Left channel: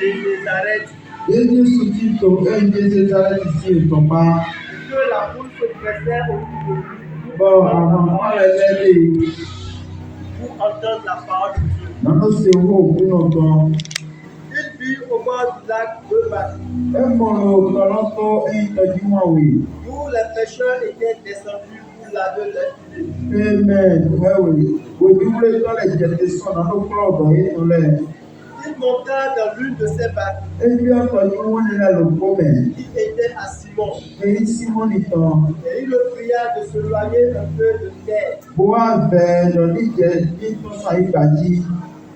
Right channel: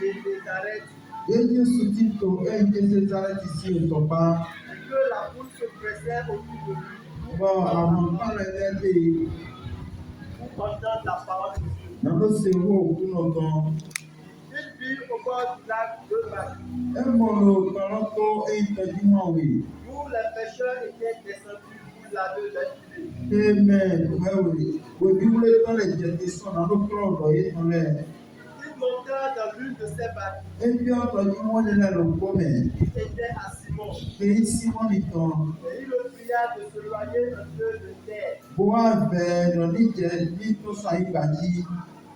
les arrête. Jésus dit que Jésus arrête ici au combat. Que la foule se pressait autour de lui Bon, avant elle est pour entendre la parole de Dieu. non, c'est où pour longtemps. Il vit au bord du lac deux bateaux Et mon colonto est du oui. où les pêcheurs étaient descendus pour laver leurs filets. Amen. Oui. Vous voulez dans les jetés dans le club et dans les. Il monta dans l'une de ces barques. Et puis entendu on est là le problème. Il était à Simon. Et Simon dit Et il le pria de se loigner un peu de terre. Pour faire dans les jetés pour ça il va dire.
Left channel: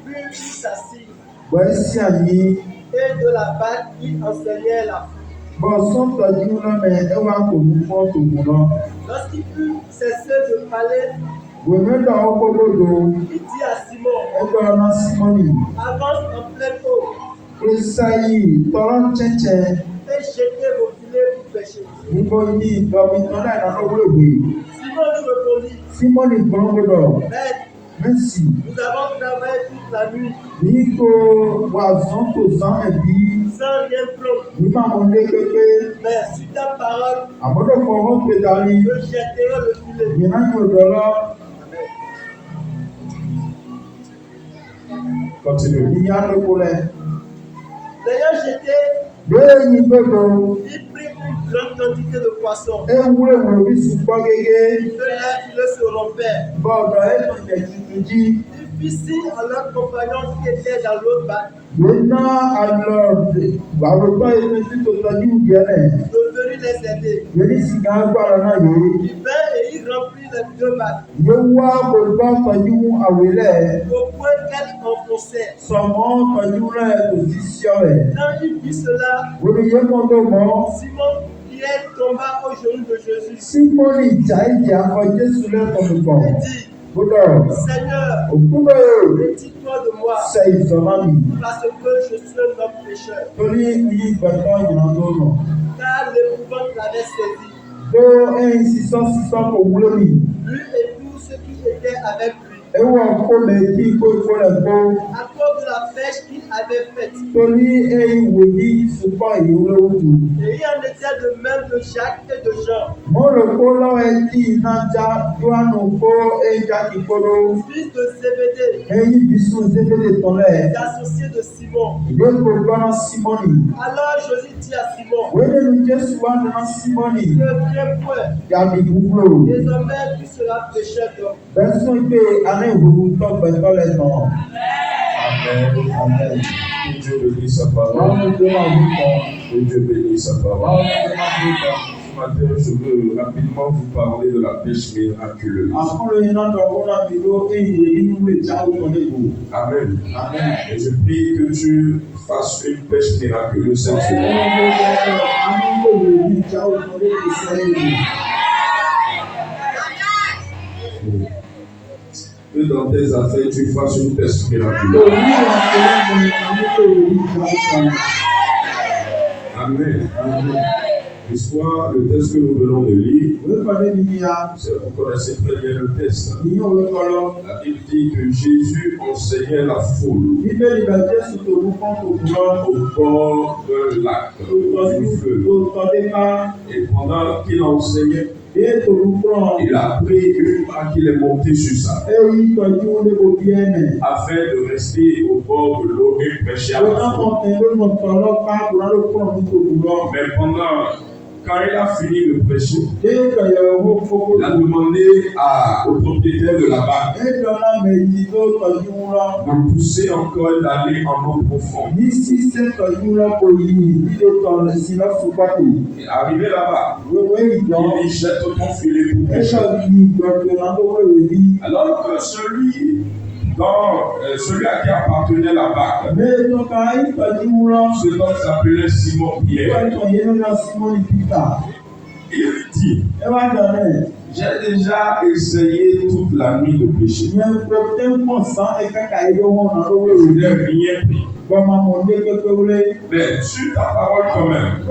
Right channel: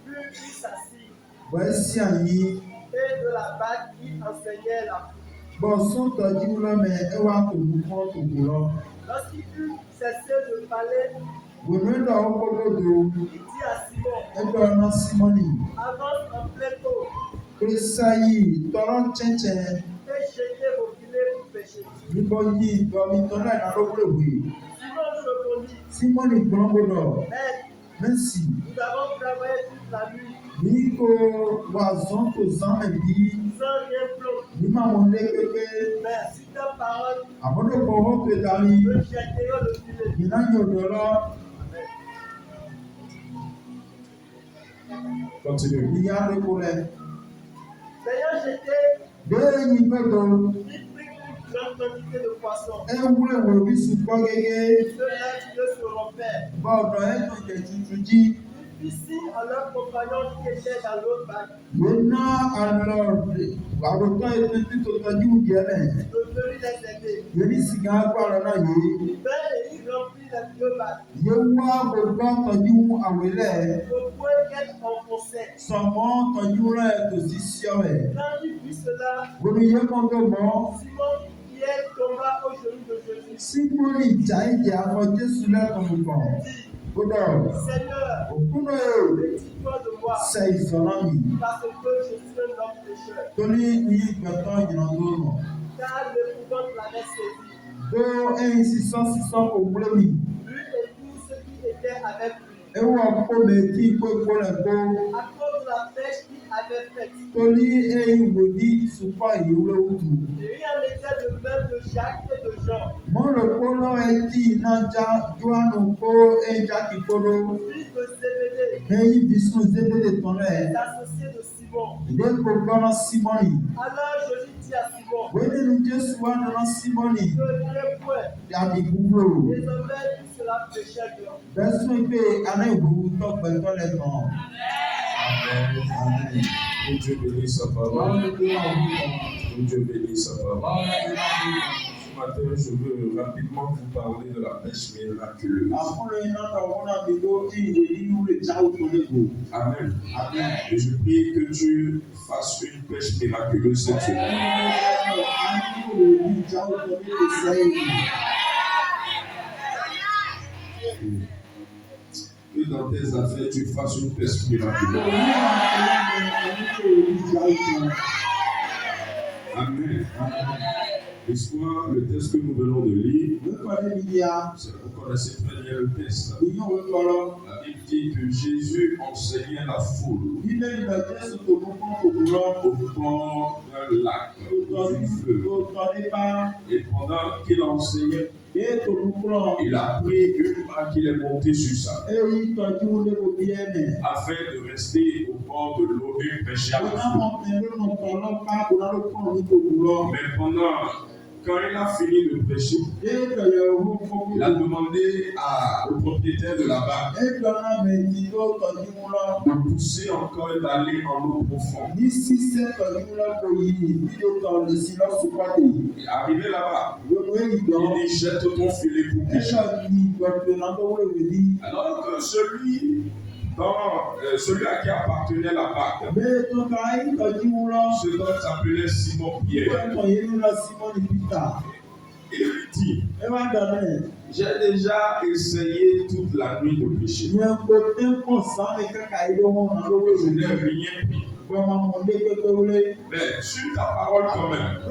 Puis il s'assit. Voici ami. Et de la barque il enseignait la foule. Bon, son entendu là mais elle va pour nous prendre tout le monde. Lorsqu'il fut cessé de parler, Vous me donnez au bobo. il dit à Simon, Et dans Simoni. avance en pleine eau Presaï, torrent tchétché. et jetez vos filets pour pêcher. Niboni, domitona dans le oui. Simon lui répondit, Simoni Brombodo. Maître, Merci. nous avons travaillé toute la nuit Nico, Wazon, Tozan, et puis, sans rien prendre. Nima Monde Pepe, Mais sur ta parole, Amodo Poro Pedali, je jetterai le filet. Yana Yodola, Continue. Yana le poulet. L'ayant jeté, Deux Nibodo, il prit une grande quantité de poissons. et vous le voulez sous Pogege, Ceux-là, ils se rompaient. bon, et ton Yatituji. Il fit signe à leurs compagnons qui étaient dans l'autre barque Maintenant, alors, Baroto est tout au dit où il y a. de venir les aider. Yoni Sigan Guarana, Il vint et il remplit les deux barques Yewa Bobo Tony Awele, au point qu'elles enfonçaient. son nom Tony la position. Quand il vit cela, Vous le Yemondo, Simon Pierre tomba aux genoux de Jésus. Simon Jaïdi a voté sous leur tombeau. Il dit, Bodo, Seigneur, au Kuno, retire-toi de moi, c'est son ami. parce que je suis un homme pécheur. Tony Yi Baton Yanadono. Car l'épouvante l'avait saisi, Do et 600 pour vous le mis. lui et tous ceux qui étaient avec lui, Et où on commet qui peut pour le bon. à cause de la pêche qu'il avait faite. Tony et Woody, ce pas il ou le Woody. Et il en était de même de Jacques et de Jean, Mon le polo est dit Nanja, Yoanoko et Jackie Polo. fils de Zébédée, Et il dit sous de ton les associés de Simon. Il est pour voir Simoni. Alors Jésus dit à Simon, Où est le Dieu soit dans Simoni? ne viens point, Garde vous. désormais tu seras pécheur d'homme. Personne peut aller vous tomber dans les noms. Amen. Amen. Que Dieu bénisse sa parole. Que Dieu bénisse sa parole. Ce matin, je veux rapidement vous parler de la pêche miraculeuse. Amen. Amen. Et je prie que tu fasses une pêche miraculeuse cette semaine. Que dans tes affaires, tu fasses une pêche miraculeuse. Amen. L'histoire, le texte que nous venons de lire, vous connaissez très bien le texte. La Bible dit que Jésus enseignait la foule au bord d'un lac, du feu. Et pendant qu'il enseignait, il a pris une barque, il est monté sur ça, afin de rester au bord de l'eau et pêcher à la foule. Mais quand il a fini de prêcher, il a demandé au propriétaire de la barque de pousser encore et d'aller en eau profonde. Et arrivé là-bas, il dit jette ton filet pour pêcher. Alors que celui à qui appartenait la barque, cet homme s'appelait Simon Pierre. Il lui dit, j'ai déjà essayé toute la nuit de pêcher. Je n'ai rien pris. Mais sur ta parole quand même,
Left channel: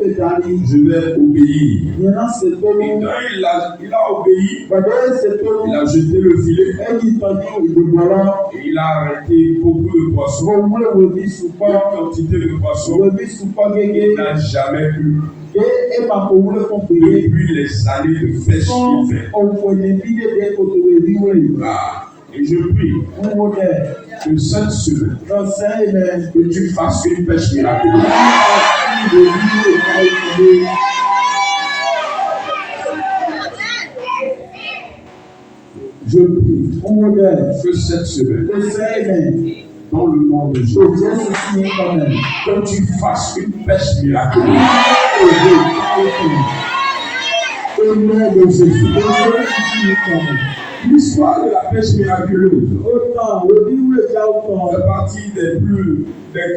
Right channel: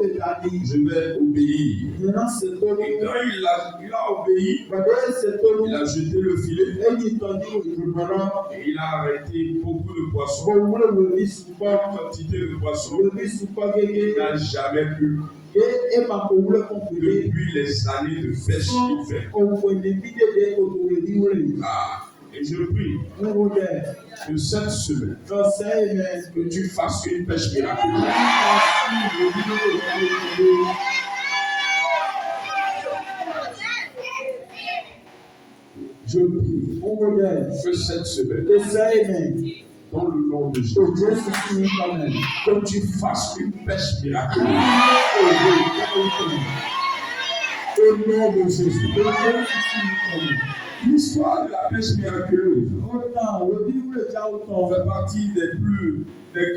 Pé je vais obéir. il y en a ce Et quand il a obéi, il a jeté le filet et il a arrêté beaucoup de poissons, une quantité de poissons qu'il n'a jamais eu depuis les années de pêche qu'il fait. Et je prie que cette semaine, que tu fasses une pêche miraculeuse. Je prie que cette semaine, dans le nom de Jésus, que tu fasses une pêche miraculeuse. Au nom de Jésus. L'histoire de la pêche miraculeuse fait partie des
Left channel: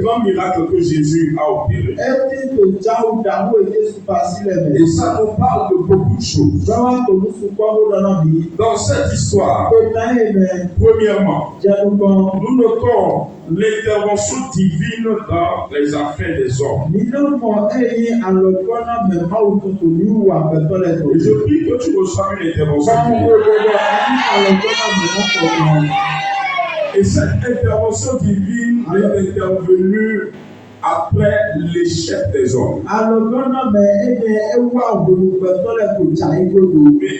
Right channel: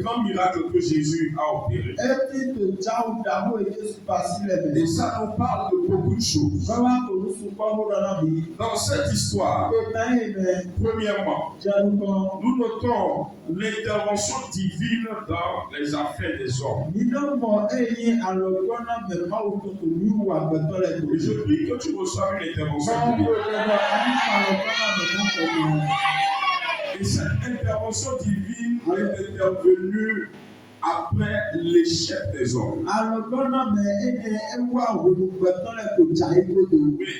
grands miracles que Jésus a opérés. Et ça nous parle de beaucoup de choses. Dans cette histoire, premièrement, nous notons l'intervention divine dans les affaires des hommes. Et je prie que tu reçoives une intervention divine. Et cette intervention divine est intervenue après l'échec des hommes. Mais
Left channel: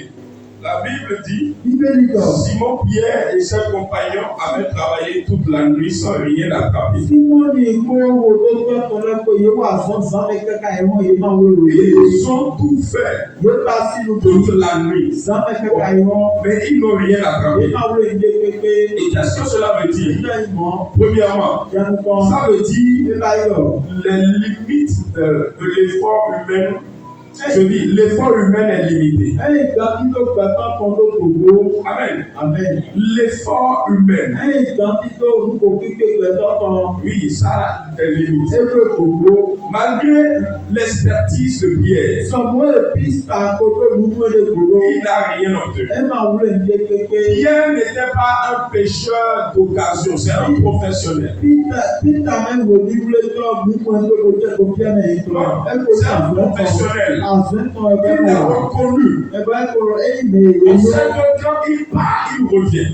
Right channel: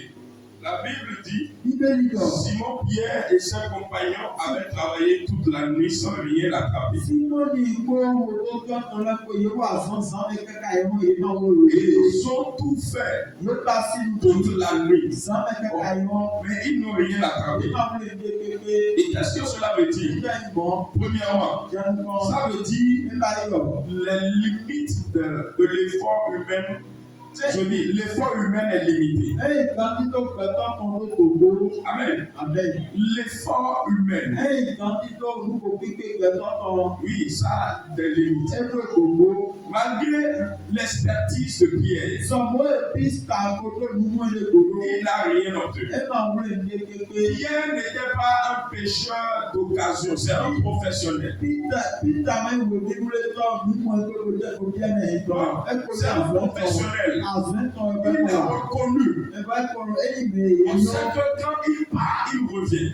la Bible dit, Simon Pierre et ses compagnons avaient travaillé toute la nuit sans rien attraper. Et ils ont tout fait toute la nuit. Mais ils n'ont rien attrapé. Et qu'est-ce que cela veut dire? Premièrement, ça veut dire les limites de l'effort humain. Je dis, l'effort humain est limité. Amen. L'effort humain. Oui, ça a des limites. Malgré l'expertise de Pierre, il n'a rien obtenu. Pierre n'était pas un pêcheur d'occasion, c'est un professionnel. C'est un professionnel. Il est reconnu. On sait que quand il part, il revient.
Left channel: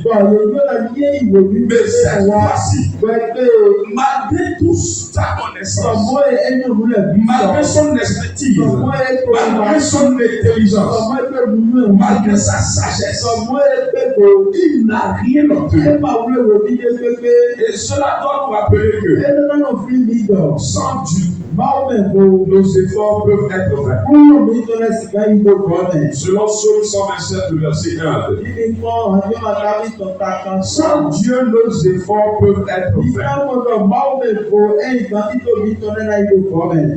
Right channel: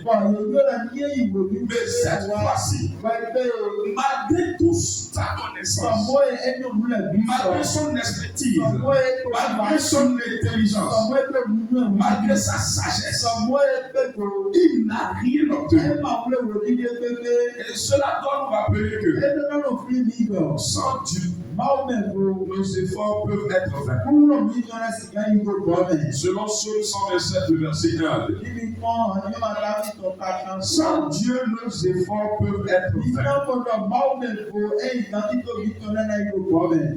Mais cette fois-ci, malgré tout sa connaissance, malgré son expertise, malgré son intelligence, malgré sa sagesse, il n'a rien obtenu. Et cela doit nous rappeler que sans Dieu, nos efforts peuvent être vains. Selon Psaume 127, verset 1. Sans Dieu, nos efforts peuvent être vains.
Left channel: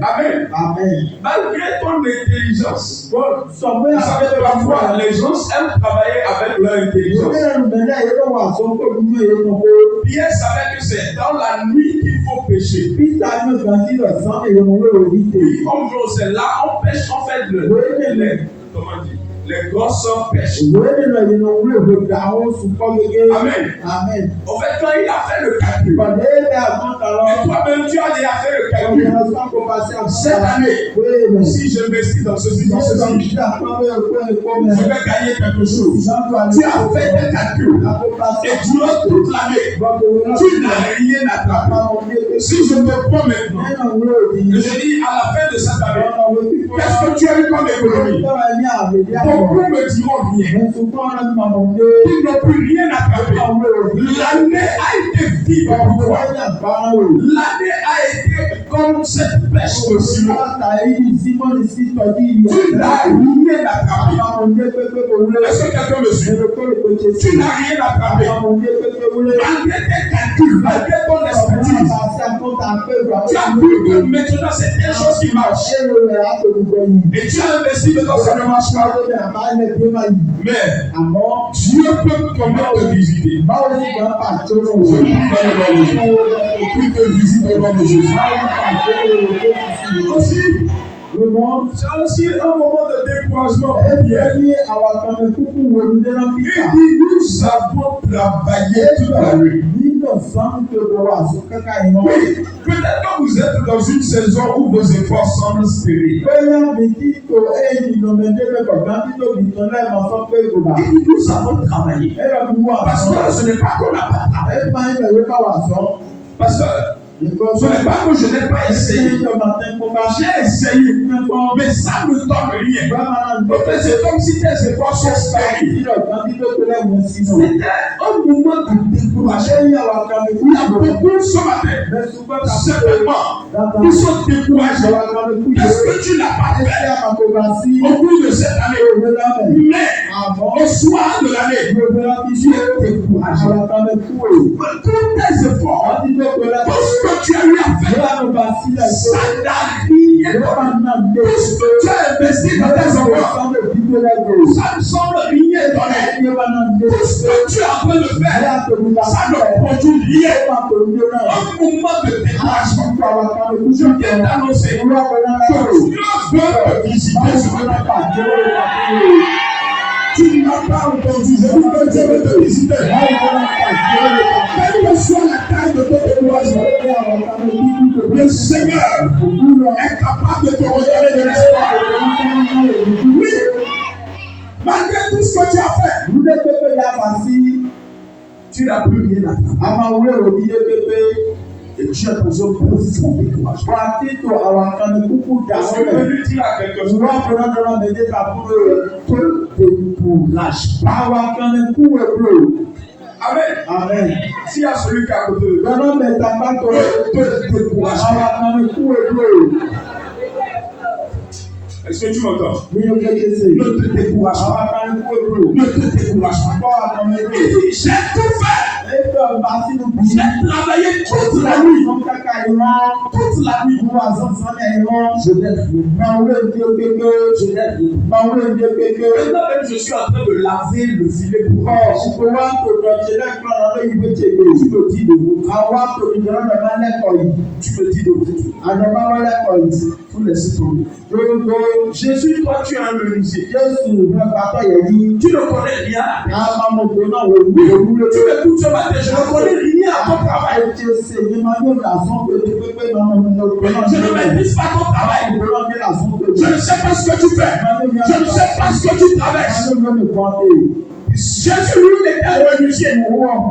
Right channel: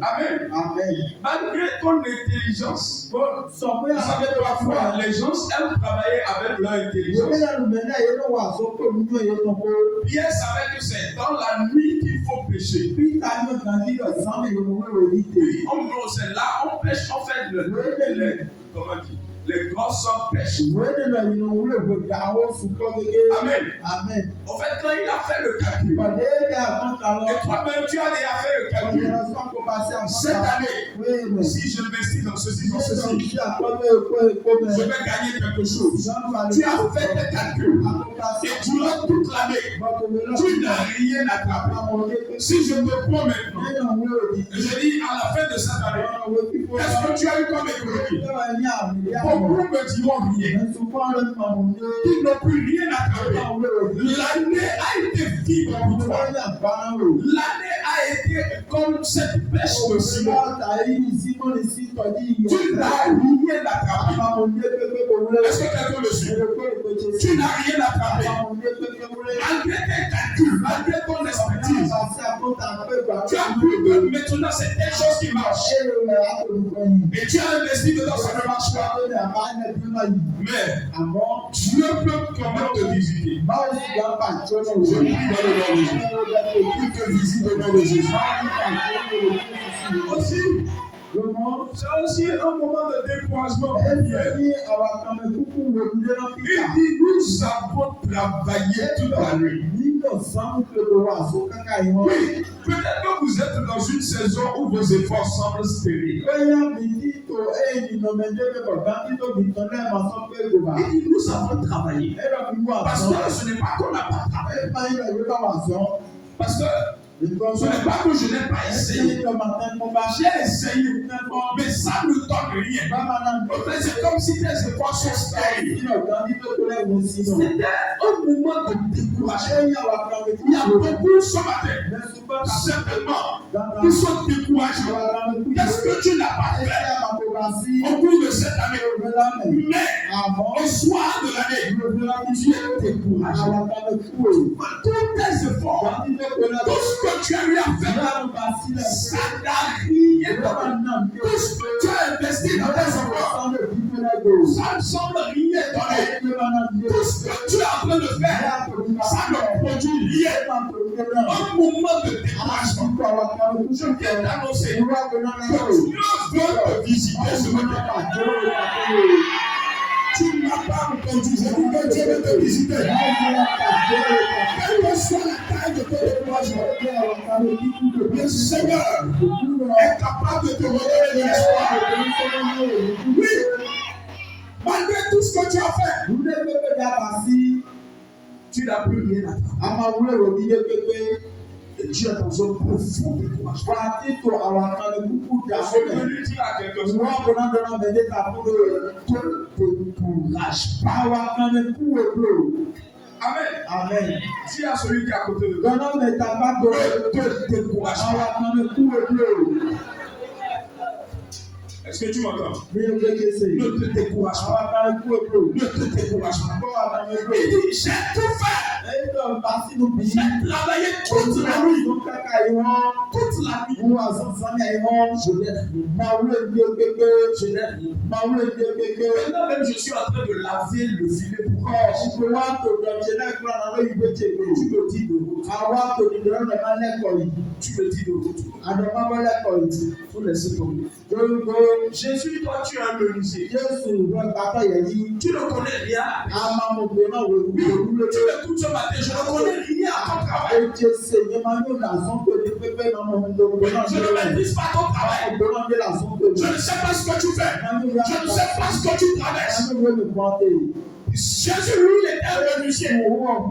Amen. Malgré ton intelligence, vous savez, parfois les gens aiment travailler avec leur intelligence. Pierre savait que c'est dans la nuit qu'il faut pécher. En gros, c'est là, on pêche, on fait les grosses pêches. Amen. En fait, quand il a fait le calcul, et toi-même, tu as déjà fait le calcul. Cette année, si je m'investis dans ceci, je vais gagner quelque chose. Tu as fait des calculs. Et durant toute l'année, tu n'as rien attrapé. Si je me prends maintenant, je dis à la fin de cette année, qu'est-ce que tu as eu comme économie? Beaucoup me diront rien. Ils n'ont plus rien attrapé. L'année a été vide pour toi. L'année a été comme cette pêche de Simon. Tu n'as rien attrapé. Est-ce que quelqu'un me suit? Tu n'as rien attrapé. Malgré tes calculs, malgré ton expertise, tu as vu que maintenant c'est telle chose qui marche. Et tu as investi dedans, ça ne marche pas. Mais Dieu peut quand même te visiter. Je prie dans le nom de Jésus. Il te visite dans le nom de Jésus. Aussi, c'est aussi un moment de découragement. Il dit, nous avons travaillé toute la nuit. Peut-être que vous êtes dans une saison où vos efforts semblent stériles. Nous avons travaillé. Parce que ce n'est pas qu'on n'a pas travaillé. Pasteur, ce n'est pas que je n'ai pas essayé. J'ai essayé, mais ça ne donne rien. C'est comme si tes efforts sont stériles. C'était un moment de découragement. Il y a beaucoup ce matin, certainement, qui sont découragés. Qu'est-ce que tu n'as pas fait au cours de cette année? Mais au soir de l'année, tu es découragé. Tous tes efforts, tout ce que tu as eu à faire, ça n'a rien donné. Tout ce que tu as investi dans tes efforts, ça ne semble rien donner. Tout ce que tu es en train de faire, ça ne produit rien. Un moment de découragement. Je viens d'annoncer que Dieu veut te visiter ce matin. Tu n'as pas entendu, je dis que Dieu veut te visiter. Quelle que soit la taille de ton découragement, le Seigneur est capable de te redonner de l'espoir. Oui, malgré tout ce que tu as fait, tu n'as plus rien à faire. Et tu as besoin de profond découragement. Je vais lui dire à quelque chose. Amen. Amen. S'il y a celui qui est à côté de toi, te décourage. Est-ce que tu m'entends? Ne te décourage pas. Ne te décourage pas. J'ai tout fait. J'ai travaillé toute la nuit. Toute la nuit. Je n'ai rien. Maintenant même, je suis en train de laver le filet pour tu me dis de vous. Faut laisser tomber. Jésus, toi, tu es un menuisier. Tu ne connais rien. Tu m'écoutes ce matin, je ne connais rien à ton travail. Je ne maîtrise pas ton travail. Je ne sais pas ce que tu fais. Je ne sais pas ce que tu traverses. Jésus, lui, était un menuisier. Maintenant,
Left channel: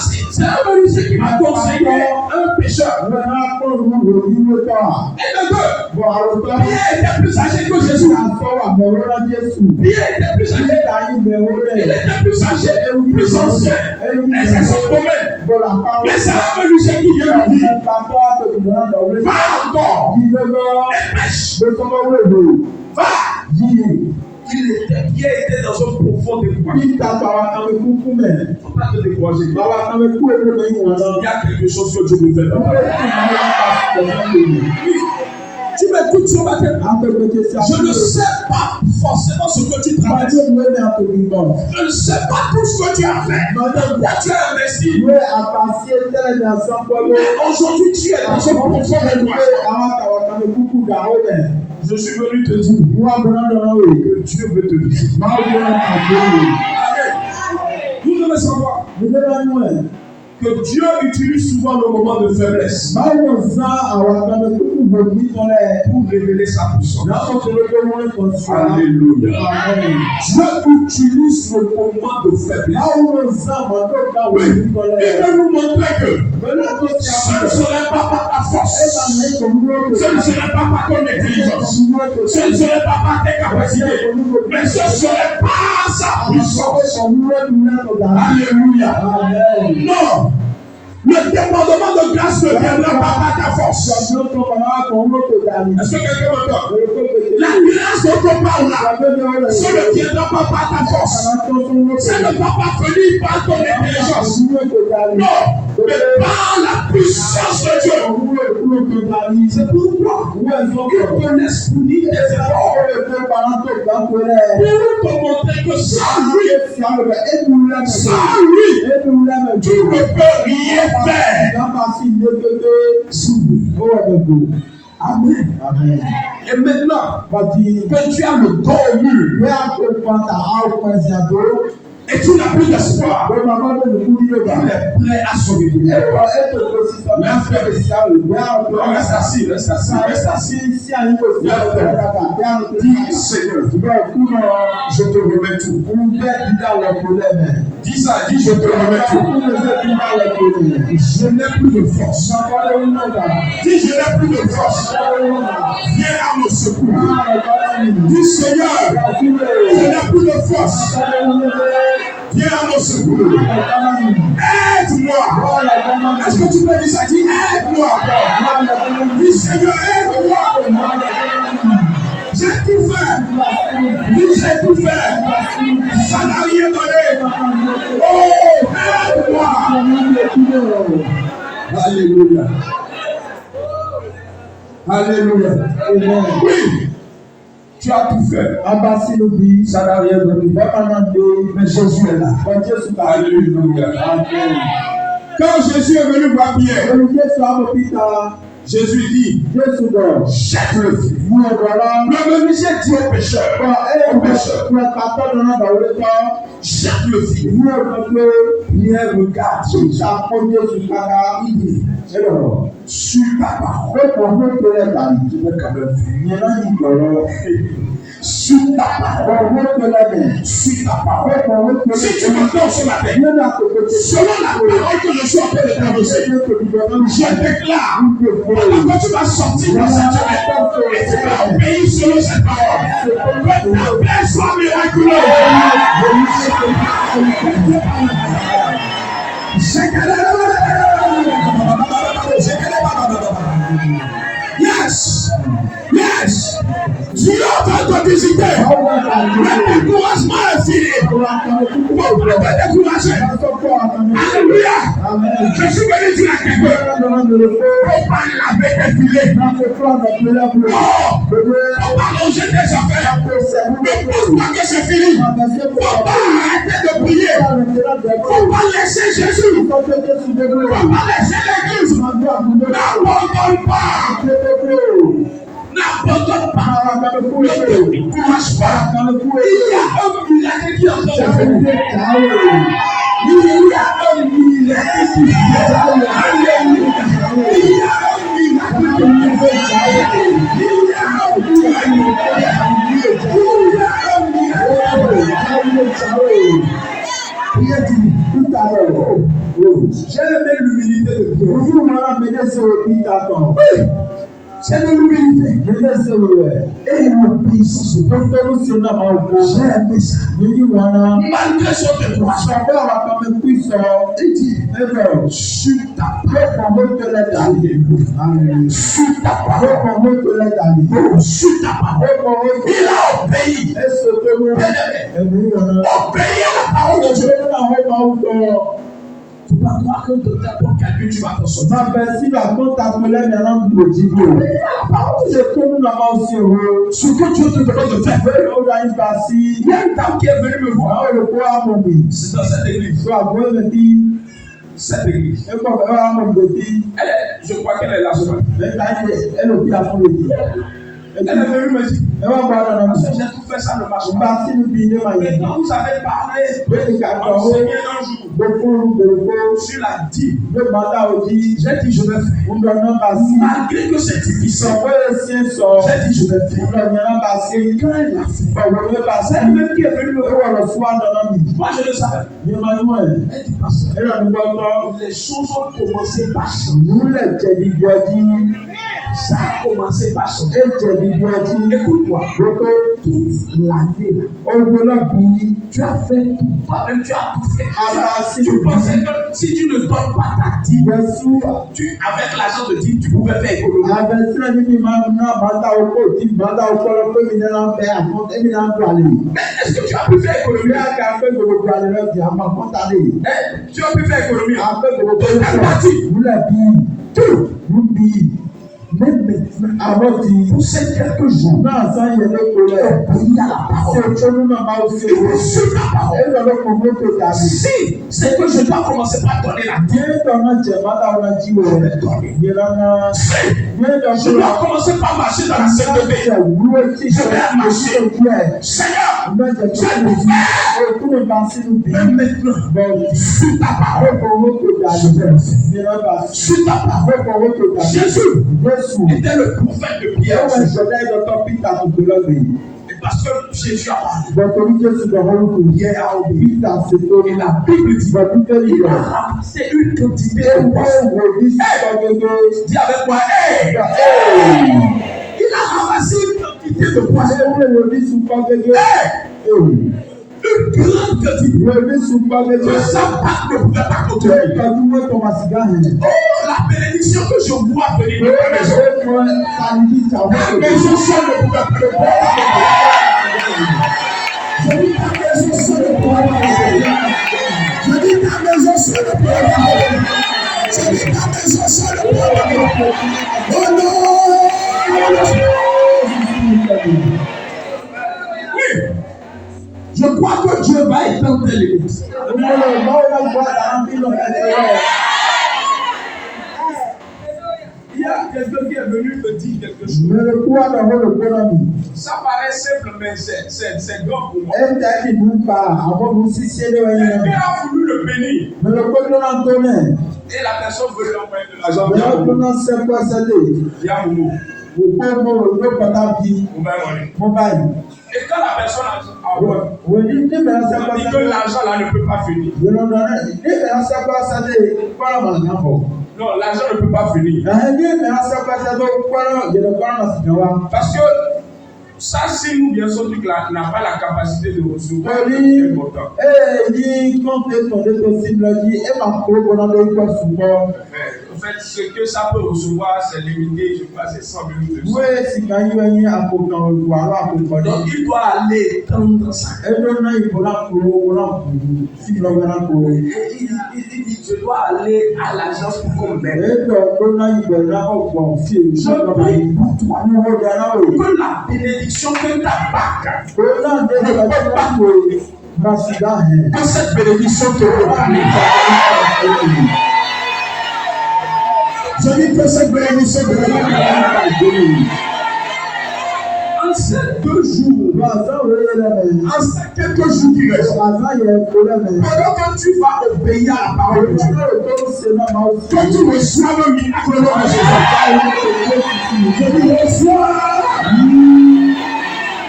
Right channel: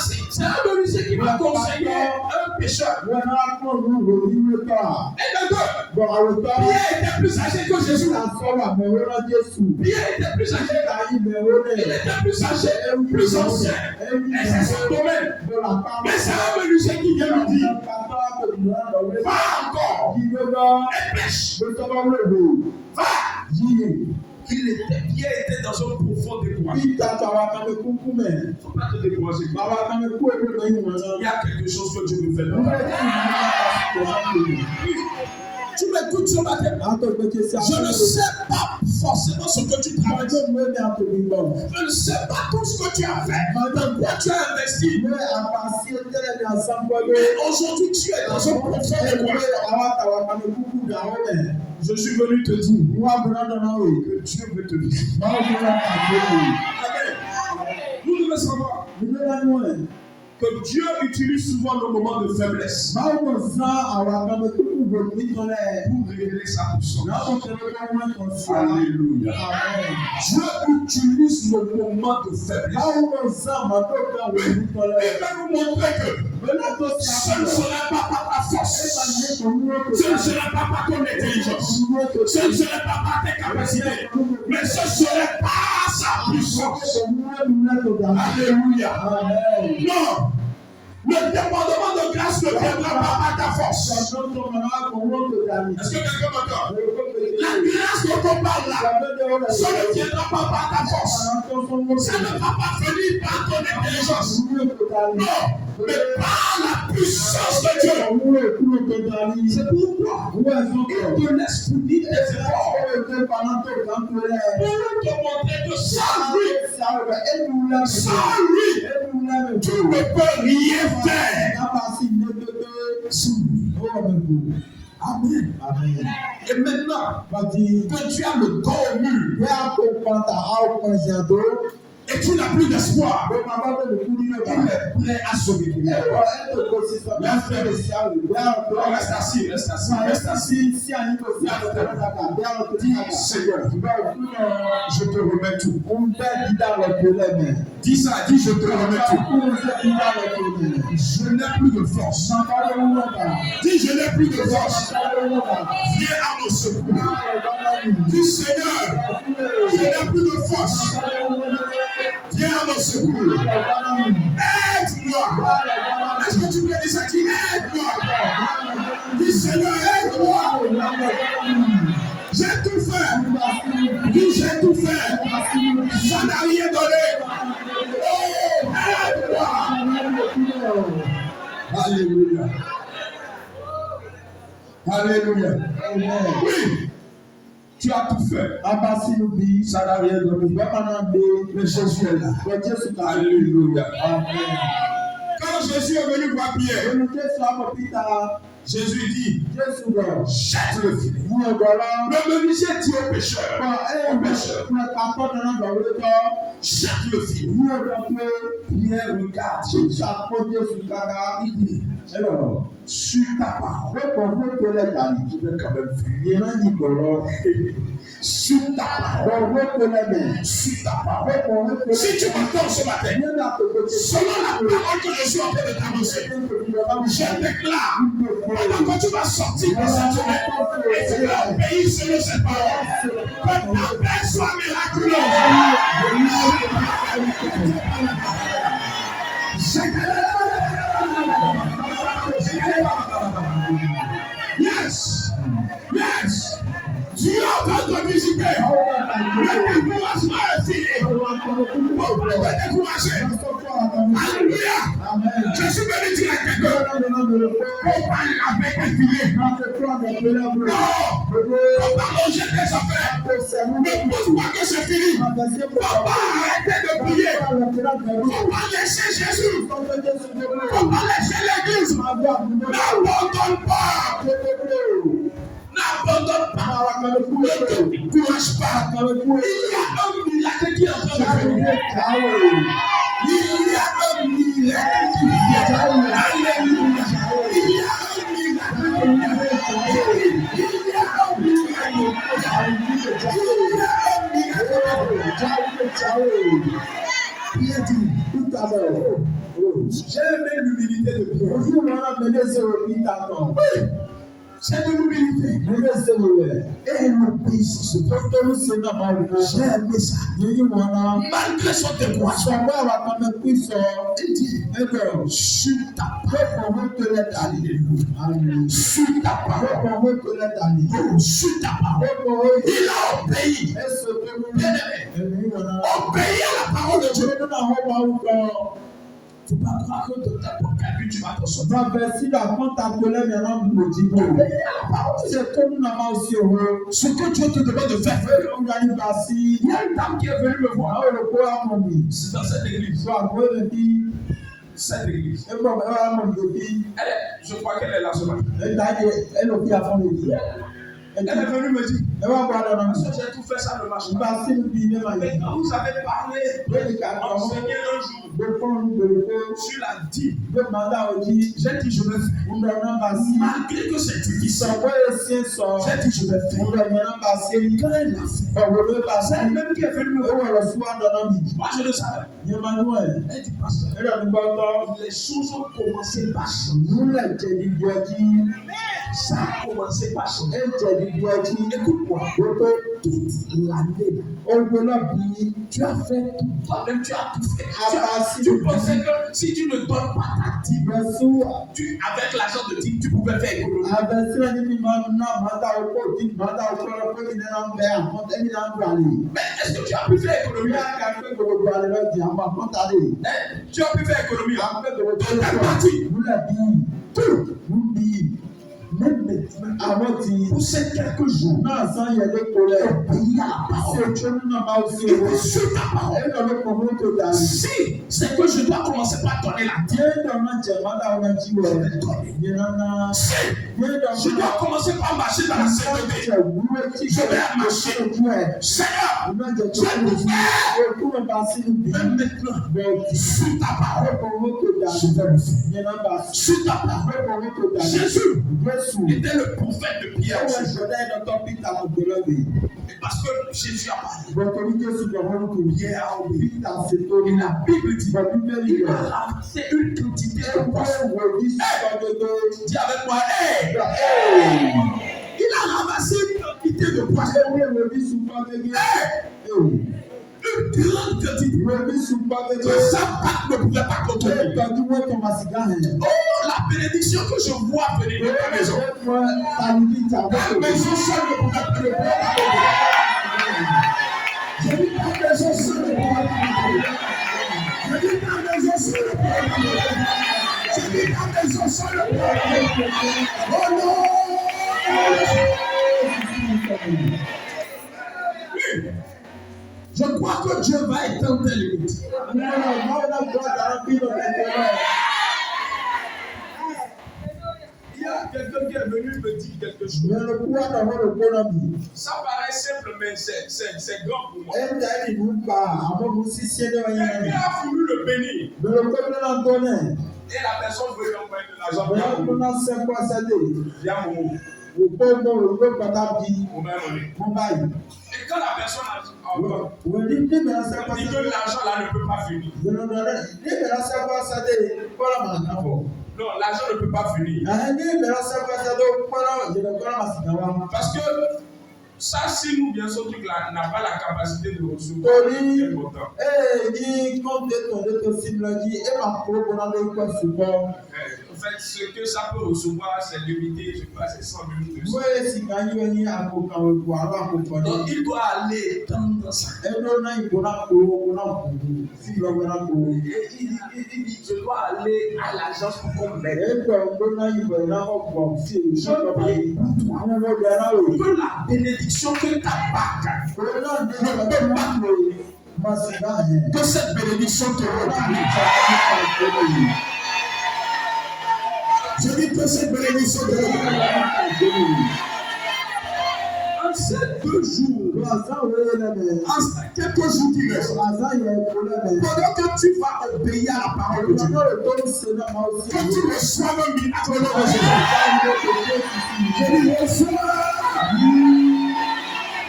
c'est un menuisier qui m'a conseillé un pécheur. Et de deux, Pierre était plus âgé que Jésus. Pierre était plus âgé. Il était plus âgé, plus ancien. Et c'est son domaine. Mais c'est un menuisier qui vient lui dire, va encore et pêche. Va. Pierre était dans un profond découragement. Il ne faut pas te décourager. Il y a quelque chose que Dieu veut faire dans ta vie. Tu m'écoutes ce matin. Je ne sais pas forcément ce que tu travailles. Je ne sais pas tout ce que tu as fait. Quoi tu as investi. Mais aujourd'hui, tu es dans un profond découragement. Je suis venu te dire que Dieu veut te visiter. Amen. Vous devez savoir que Dieu utilise souvent le moment de faiblesse pour révéler sa puissance. Alléluia. Dieu utilise le moment de faiblesse. Oui. Il veut nous montrer que ce ne serait pas par ta force, ce ne serait pas par ton intelligence, ce ne serait pas par tes capacités, mais ce serait par sa puissance. Alléluia. Non. Le débordement de grâce ne viendra pas par ta force. Est-ce que quelqu'un m'entend? La grâce dont on parle là, ça ne viendra pas par ta force. Ça ne va pas venir par ton intelligence. Non, mais par la puissance de Dieu. C'est pourquoi il te laisse punir tes efforts pour te montrer que sans lui, tu ne peux rien faire. Amen. Amen. Et maintenant, que tu as le corps mûr, et tu n'as plus d'espoir, il est prêt à sauver ton cœur. Reste assis, reste assis, reste assis. Dis Seigneur, je te remets tout. Dis ça, dis je te remets tout. Je n'ai plus de force. Dis je n'ai plus de force. Viens à mon secours. Dis Seigneur, je n'ai plus de force. Viens à mon secours. Aide-moi. Est-ce que tu peux dire ça? Dis aide-moi. Dis Seigneur, aide-moi. J'ai tout fait. Dis j'ai tout fait. Ça n'a rien donné. Oh, aide-moi. Alléluia. Alléluia. Oui. Tu as tout fait. Ça n'a rien donné. Mais Jésus est là. Alléluia. Quand Jésus est venu voir Pierre, Jésus dit, jette le filet. Le menuisier dit au pécheur, jette le filet. Pierre regarde Jésus. Il dit, sur ta parole, je vais quand même faire. Sur ta parole, sur ta parole. Si tu m'entends ce matin, selon la parole que je suis en train de t'annoncer, je déclare quand tu vas sortir dans cette semaine et tu vas obéir selon cette parole, que ta paix soit miraculeuse. Yes, yes. Dieu est en train de te visiter. Le découragement est fini. Pourquoi te décourager? Alléluia. Je suis venu dire à quelqu'un, faut pas laver tes filets. Non, faut pas manger tes affaires. Ne pense pas que c'est fini. Faut pas arrêter de prier. Faut pas laisser Jésus. Faut pas laisser l'église. N'abandonne pas. N'abandonne pas. Ne te décourage pas. Il y a un miracle qui est en train de venir. Il y a un miracle qui vient. Alléluia. Il y a un miracle qui vient. Il y a un miracle. J'ai aimé l'humilité de Dieu. C'est de l'humilité. Et l'obéissance de Dieu. J'ai aimé ça. Malgré son découragement, il dit, sur ta parole, sur ta parole, sur ta parole, il a obéi. Obéi à la parole de Dieu. Tu vas croire que de t'apporter quelqu'un, tu vas t'en sortir. Ce que Dieu te demande de faire. Il y a une dame qui est venue me voir. C'est dans cette église. Cette église. Je crois qu'elle est là ce matin. Elle est venue me dire, parce que j'ai tout fait, ça ne marche pas. Mais quand vous avez parlé, enseigné un jour sur la dîme, j'ai dit je vais faire. Malgré que c'est difficile, j'ai dit je vais faire. Et quand elle l'a fait, c'est elle-même qui est venue me voir. Moi je le savais. Elle dit pasteur, les choses ont commencé par changer. Ça a commencé par changer. Écoute-moi, toute l'année, tu as fait tout. Toi-même, tu as tout fait. Tu pensais que si tu ne donnes pas ta dîme, avec l'argent de dîme, tu pouvais faire économie. Mais est-ce que tu as pu faire économie? Tu as pu faire économie. Tout. Même maintenant, Avant de pour ces quelques jours, non, ça y est, le problème. obéis à la parole. C'est que nous n'avons pas aussi. Et sur ta parole. Et dans le moment que d'aller. Si c'est que je dois commencer par donner la Dieu dans notre Dieu, on a dit, je vais donner. Dieu dans notre. Si je dois commencer par marcher dans la sainteté, je vais marcher. Seigneur, je vais le faire. Même maintenant, sur ta parole, je vais le faire. Sur ta parole, Jésus était le prophète de Pierre. Et parce que Jésus a parlé, Pierre a obéi. Et la Bible dit qu'il a ramassé une quantité de poissons. Dis avec moi, hey! Il a ramassé une quantité de poissons. Hey! Une grande quantité. Que sa barque ne pouvait pas contenir. Oh, la bénédiction que je vois venir de la maison. La maison seule ne pouvait pas le je dis ta maison seule ne pouvait pas le je dis ta maison seule ne pouvait pas le je dis ta maison seule ne pouvait pas le oh non. Oui. Je crois que Dieu va étendre tes limites. Il y a quelqu'un qui est venu me dire quelque chose. Ça paraît simple, mais c'est grand pour moi. Quelqu'un a voulu le bénir. Et la personne veut lui envoyer de l'argent. Via Momo. Et quand la personne a dit que l'argent là ne peut pas finir. Non, l'argent ne peut pas finir. Parce que ça, si nous, bien sûr, truc là, n'a pas la capacité de recevoir un montant. En fait, ce que ça peut recevoir, c'est limité, je crois, c'est 100 000 200. Donc, il doit aller tendre ça. Il dit, je dois aller à l'agence pour qu'on m'aide. Je prie pour toi. Que la bénédiction que ta barque que cette bénédiction te regarde. Je dis que cette bénédiction te regarde. En ces 2 jours, en ces quelques jours qui restent, pendant que tu vas obéir à la parole de Dieu, que tu reçois le miracle de Jésus. Je dis reçois.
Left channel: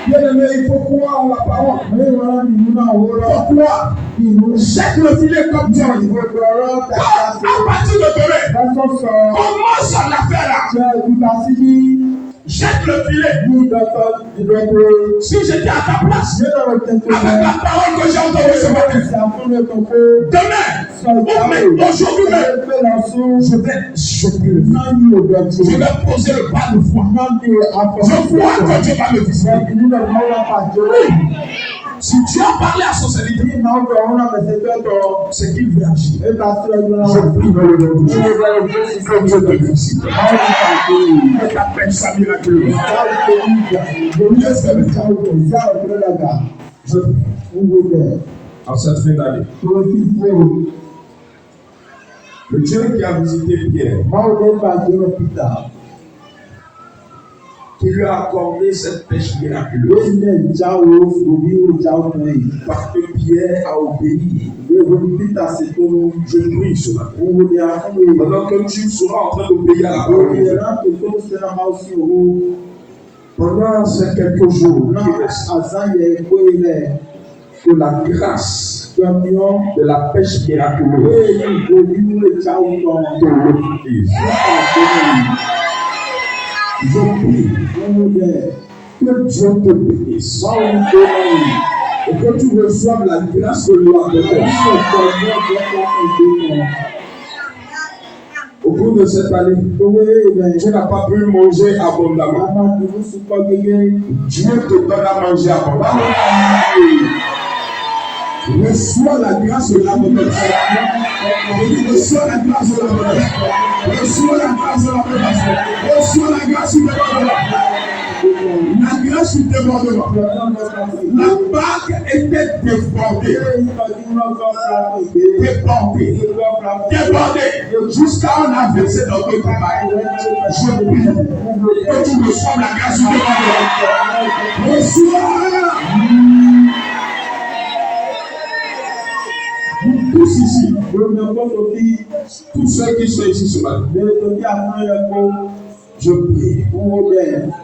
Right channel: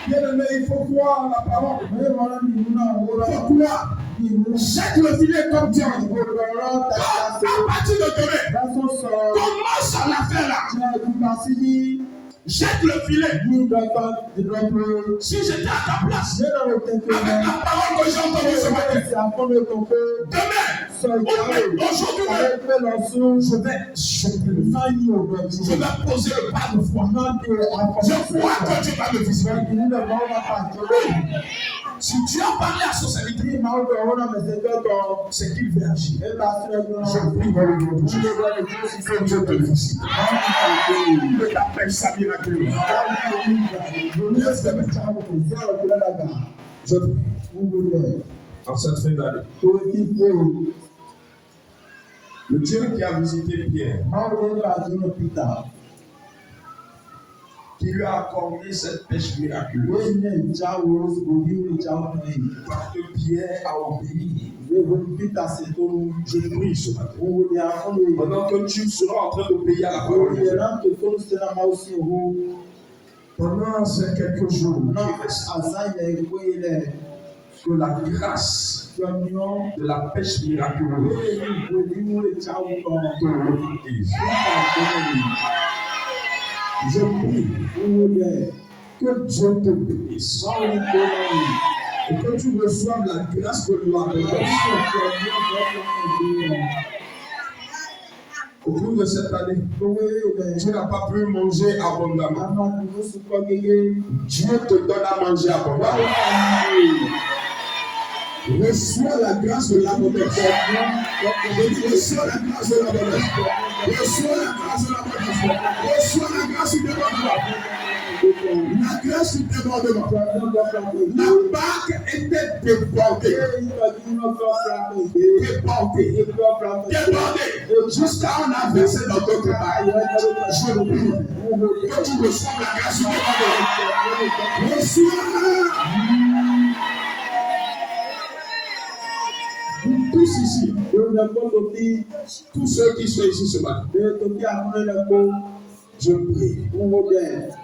Bien-aimé, il faut croire en la parole. Pourquoi? Jette le filet comme Dieu. À partir de demain, commence à la faire là. Jette le filet. Si j'étais à ta place, avec la parole que j'ai entendue ce matin, demain, aujourd'hui même, je vais jeter le filet. Je vais poser le pas de foi. Je vois que Dieu va me visiter. Si Dieu a parlé à son serviteur, c'est qu'il veut agir. Je prie dans le nom de Dieu. Que Dieu te visite. Et t'appelle ça miraculeusement. Je prie en cette fin d'année. Le Dieu qui a visité Pierre, qui lui a accordé cette pêche miraculeuse, parce que Pierre a obéi. Je prie ce matin. Pendant que tu seras en train d'obéir à la parole de Dieu, pendant ces quelques jours qui restent, que la grâce de la pêche miraculeuse te reflète. Je prie que Dieu te bénisse et que tu reçoives la grâce de loi de Dieu. Au cours de cette année, tu n'as pas pu manger abondamment. Dieu te donne à manger abondamment. Reçois la grâce de l'abondance. Je dis reçois la grâce de l'abondance. Reçois la grâce de l'abondance. Reçois la grâce de l'abondance. Demander sur demandement. La banque était débordée. Débordée. Jusqu'à on a versé dans ton travail. Je prie que tu reçoives la grâce du demandement. Reçois. Vous tous ici, tous ceux qui sont ici ce matin, je prie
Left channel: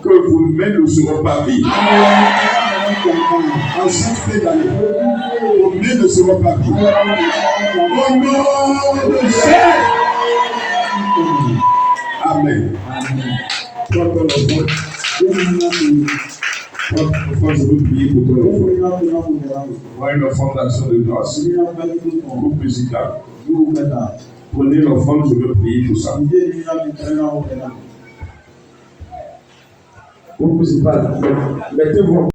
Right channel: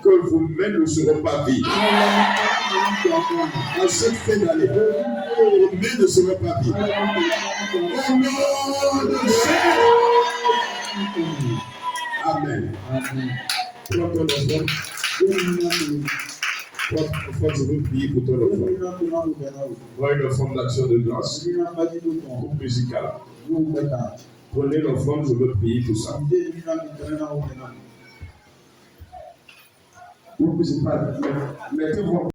que vos mains ne seront pas vides. En cette fin d'année, vos mains ne seront pas vides. Au nom de Jésus. Amen. Toi, ton enfant, je veux prier pour ton enfant. Voilà une offrande d'action de grâce. Groupe musical. Prenez l'offrande, je veux prier pour ça. Groupe musical, mettez-vous.